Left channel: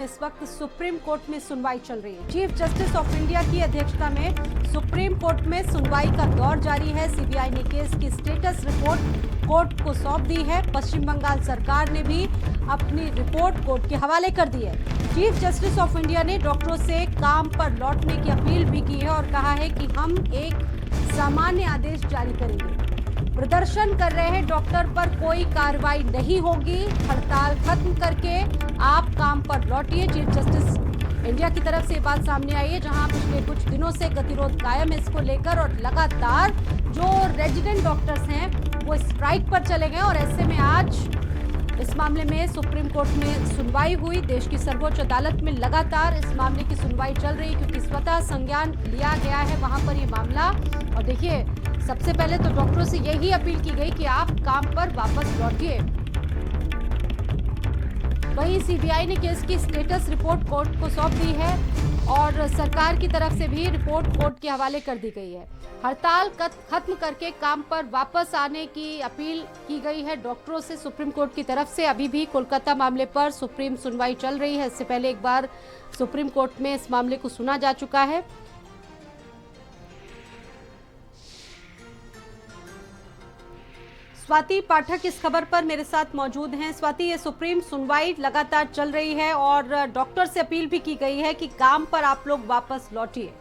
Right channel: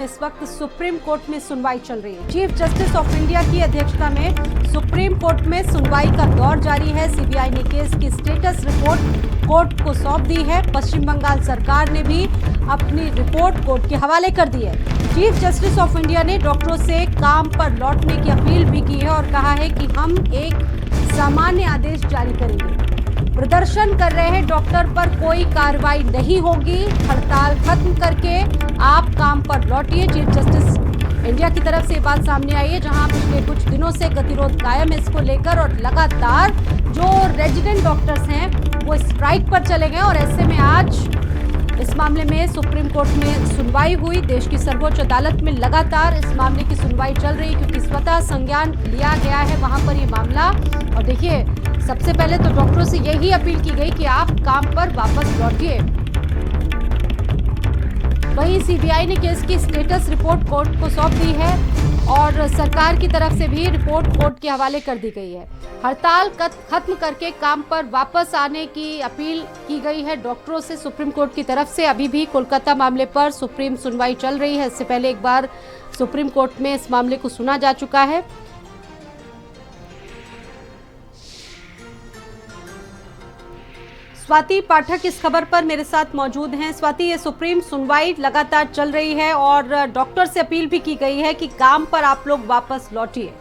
इस वक्त supreme court में सुनवाई चल रही है। चीफ जस्टिस ऑफ इंडिया की अध्यक्षता में सुप्रीम कोर्ट में सुनवाई का दौर जारी है। सीबीआई ने केस की स्टेटस रिपोर्ट कोर्ट को सौंप दी है। पश्चिम बंगाल सरकार ने भी अपनी रिपोर्ट कोर्ट के हवाले कर दी है। चीफ जस्टिस ऑफ इंडिया ने डॉक्टरों से काम पर लौटने की अपील भी की है और कहा है कि हम एक सामान्य आदेश जारी करेंगे। प्रदर्शन कर रहे हैं डॉक्टर पर कोई कार्रवाई नहीं होगी। हड़ताल खत्म करके आप काम पर लौटिए। चीफ जस्टिस इंडिया की तरफ से ये बात सामने आई है, जहां पिछले कुछ दिनों से गतिरोध कायम है इसको लेकर और लगातार जो रेजिडेंट डॉक्टर्स हैं वो स्ट्राइक पर चले गए और ऐसे में आज इस मामले में सुप्रीम कोर्ट में सुनवाई हुई। देश की सर्वोच्च अदालत में लगातार इस मामले की सुनवाई चल रही है क्योंकि स्वतः संज्ञान लिया गया है वहां पर ये मामला। और देखिए, सबसे पहले तो डॉक्टरों से यही अपील की गई कि आप काम पर वापस लौटिए। वहीं सीबीआई ने केस की स्टेटस रिपोर्ट कोर्ट को सौंप दी है और सरकार की तरफ से भी रिपोर्ट कोर्ट के हवाले कर दी गई है। हड़ताल खत्म करके काम पर वापस आने की अपील की गई है डॉक्टरों से सुप्रीम कोर्ट की तरफ से। अभी भी कोलकाता मामले पर सुप्रीम सुनवाई चल रही है। इससे पहले एक बार सुप्रीम कोर्ट में इस मामले को सुना जा चुका है। स्वाति पाठक इस खबर पर मेरे साथ मौजूद हैं। स्वाति, ये सुप्रीम सुनवाई लगातार चल रही है और डॉक्टर से अपील भी की गई है कि काम पर आप लोग वापस लौटिए।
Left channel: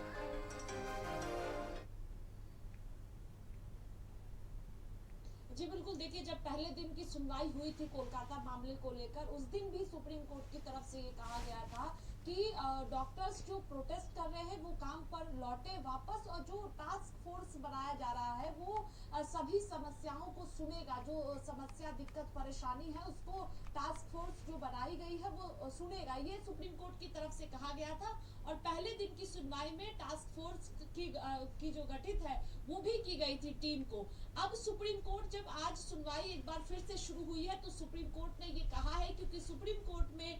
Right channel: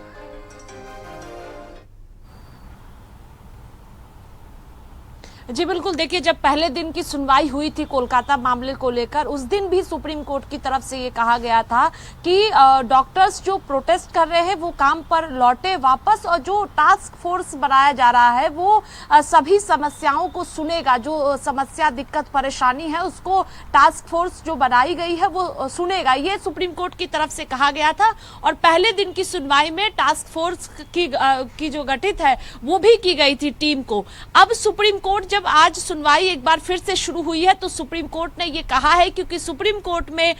जी बिल्कुल, देखिए, जब पहले दिन की सुनवाई हुई थी कोलकाता मामले को लेकर, उस दिन भी सुप्रीम कोर्ट की तरफ से ये कहा गया था कि डॉक्टर्स जो प्रोटेस्ट कर रहे हैं वो काम पर लौटे वापस और जो टास्क फोर्स बनाया जा रहा है वो सभी समस्याओं को सुनेगा। जो समस्या, दिक्कत, परेशानी है उसको टास्क फोर्स जो बनाई गई है वो सुनेगा। ये सुप्रीम कोर्ट की तरफ से कहा गया था और पहले दिन की सुनवाई में टास्क फोर्स की जो गठित है वो भी की गई थी टीम को। अब सुप्रीम कोर्ट जब आज सुनवाई एक बार फिर से शुरू हुई है तो सुप्रीम कोर्ट ने ये कहा है, क्योंकि सुप्रीम कोर्ट में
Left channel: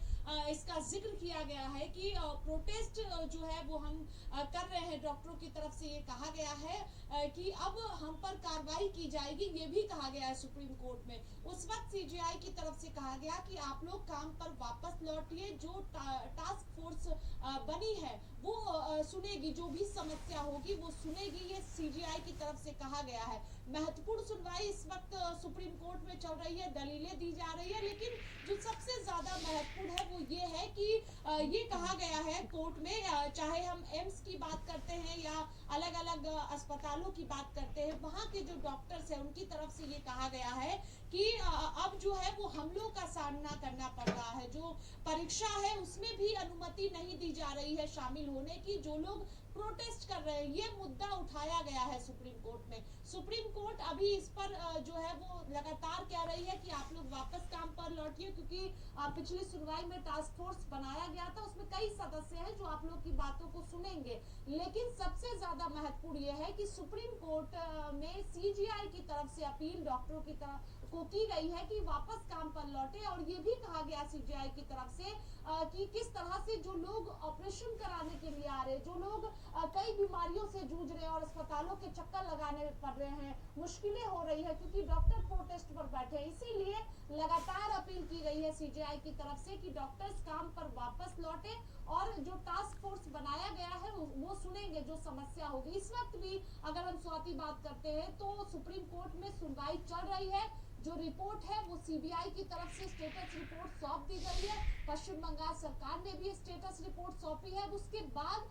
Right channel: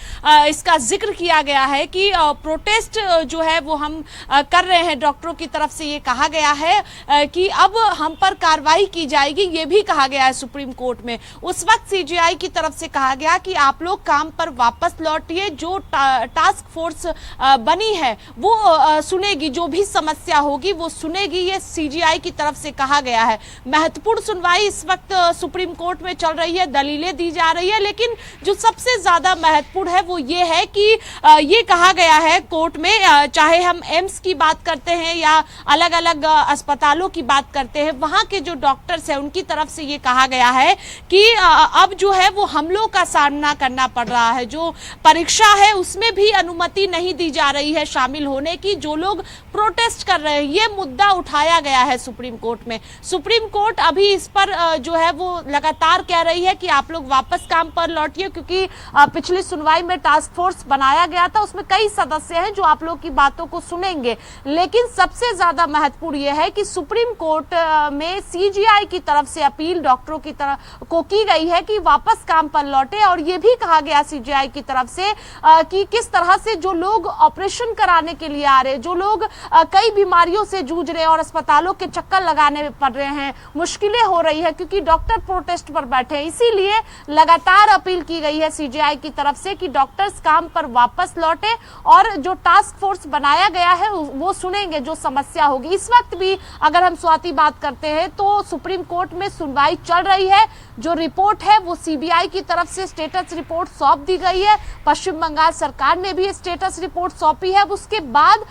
इसका जिक्र किया गया है कि प्रोटेस्ट जो है वो हम कर रहे हैं डॉक्टरों की तरफ से। ये कहा गया है कि अब हम पर कार्रवाई की जाएगी, ये भी कहा गया है सुप्रीम कोर्ट में। उस वक्त सीजीआई की तरफ से कहा गया कि आप लोग काम पर वापस लौटिए। जो टास्क फोर्स बनी है वो सुनेगी, जो भी समस्या होगी वो सुनेगी, ये सीजीआई की तरफ से कहा गया है। महत्वपूर्ण सुनवाई इस वक्त सुप्रीम कोर्ट में चल रही है, दलीलें दी जा रही है, लेकिन जो सबसे ज्यादा महत्वपूर्ण है वो ये है कि ये कहा गया है कोर्ट में, चाहे हम एम्स की बात करते हैं या अलग अलग अस्पतालों की बात करते हैं, वहां के जो डॉक्टर्स हैं उनकी तरफ से ये कहा गया है कि अब जो है वो हमलों का सामना करना पड़ रहा है। जो परीक्षा है उसमें भी अनुमति नहीं दी जा रही है शामिल होने की, जो लोग प्रोटेस्ट कर रहे हैं। ये मुद्दा उठाया गया है सुप्रीम कोर्ट में। सुप्रीम कोर्ट अभी इस पर जो है वो लगातार कह रही है कि आप लोग वापस काम पर लौटिए, क्योंकि पिछली सुनवाई में टास्क फोर्स बनाया गया था, उसमें कई सदस्य हैं जो आप लोग की बातों को सुनेंगे। लेकिन सबसे ज्यादा महत्वपूर्ण यह है कि सुप्रीम कोर्ट में सीजीआई की तरफ से अपील डॉक्टरों की तरफ को की गई है कि वापस काम पर लौटे। और यह भी कहा गया सीजीआई की तरफ से कि किस तरह से जो लोग ऑपरेशन कराने के लिए आ रहे हैं, जो लोग कई बीमारियों से जूझ रहे हैं और अस्पतालों के चक्कर लगाने पड़ रहे हैं, मुश्किलें हो रही है क्योंकि डॉक्टर प्रोटेस्ट पर बैठे हैं। इसीलिए लगातार अपील की गई है सीजीआई की तरफ से कि डॉक्टर्स काम पर वापस लौटे और जो टास्क फोर्स बनाया गया है वो सुनेंगे जो समस्या होगी। इस वक्त भी अगर हम स्वाति बात करते हैं तो सुप्रीम कोर्ट में सुनवाई चल रही है। जो रिपोर्ट है वो सीबीआई की तरफ से स्टेटस रिपोर्ट सौंप दी गई है। पश्चिम बंगाल सरकार ने भी स्टेटस रिपोर्ट सौंपी है। अब उसके बाद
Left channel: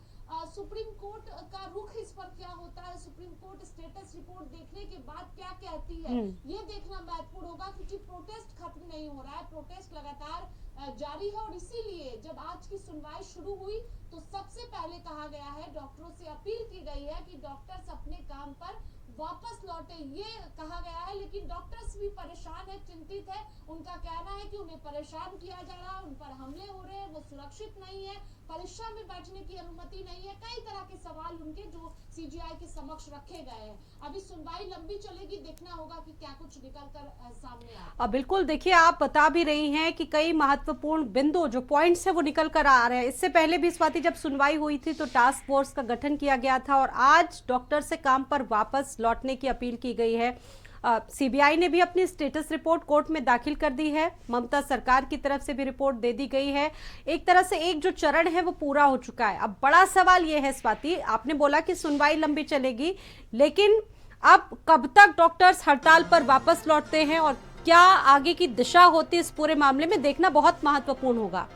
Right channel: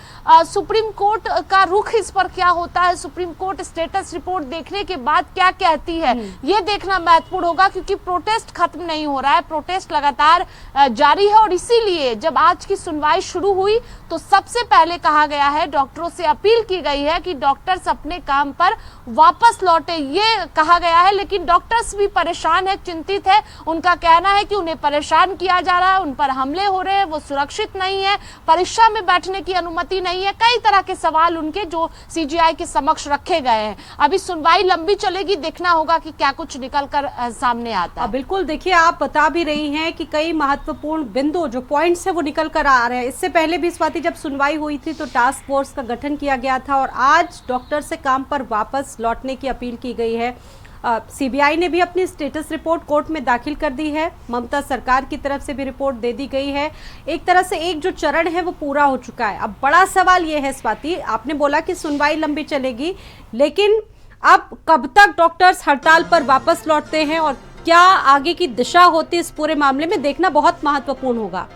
सुप्रीम कोर्ट का रुख इस पर क्या होता है, सुप्रीम कोर्ट स्टेटस रिपोर्ट देखने के बाद क्या कहती है, ये देखना महत्वपूर्ण होगा, क्योंकि प्रोटेस्ट खत्म नहीं हो रहा है, प्रोटेस्ट लगातार जारी है। और इसीलिए जब आज की सुनवाई शुरू हुई तो सबसे पहले कहा गया है, डॉक्टरों से अपील की गई है कि डॉक्टर्स अपने काम पर वापस लौटे, ये कहा गया है। लेकिन डॉक्टर्स भी परेशान है, चिंतित है। उनका कहना है कि उन्हें परेशान किया जा रहा है, उन पर हमले हो रहे हैं, वो सुरक्षित नहीं है, परीक्षा में बैठने की अनुमति नहीं है। कई तरह के सवाल उनके जो सीजीआई के समक्ष रखे गए हैं। अभी सुनवाई लंबी चलेगी, देखना होगा कि क्या कुछ निकल कर सामने आता है। बिल्कुल, देखिए, आप बता भी रही हैं कि कई महत्वपूर्ण बिंदु जो पॉइंट्स है वो निकल कर आ रहे हैं। इससे पहले भी स्वाति जब सुनवाई हुई थी तो टास्क फोर्स का गठन किया गया था और आज डॉक्टर से काम पर वापस लौटने की अपील की गई है। सीबीआई ने भी अपनी स्टेटस रिपोर्ट कोर्ट में दाखिल कर दी है। ममता सरकार की तरफ से भी रिपोर्ट दे दी गई है। एक तरह से एक जो चरण है वो पूरा हो चुका है। अब बड़ा सवाल ये है स्वाति, आपने बोला कि सुनवाई लंबी चलेगी, लेकिन अब कब तक डॉक्टर्स हड़ताल पर वापस लौटते हैं और क्या आगे की दिशा होती है इस पूरे मामले में, देखना बहुत महत्वपूर्ण होगा।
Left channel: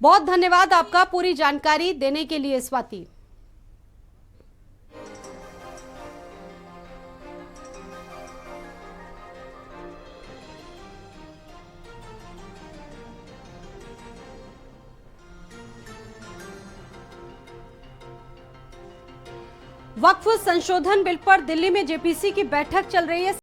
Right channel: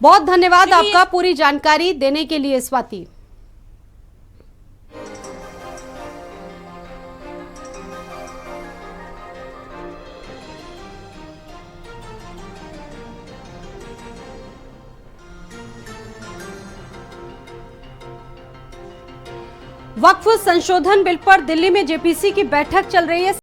बहुत धन्यवाद आपका पूरी जानकारी देने के लिए स्वाति। वक्फ संशोधन बिल पर दिल्ली में जेपीसी की बैठक चल रही है।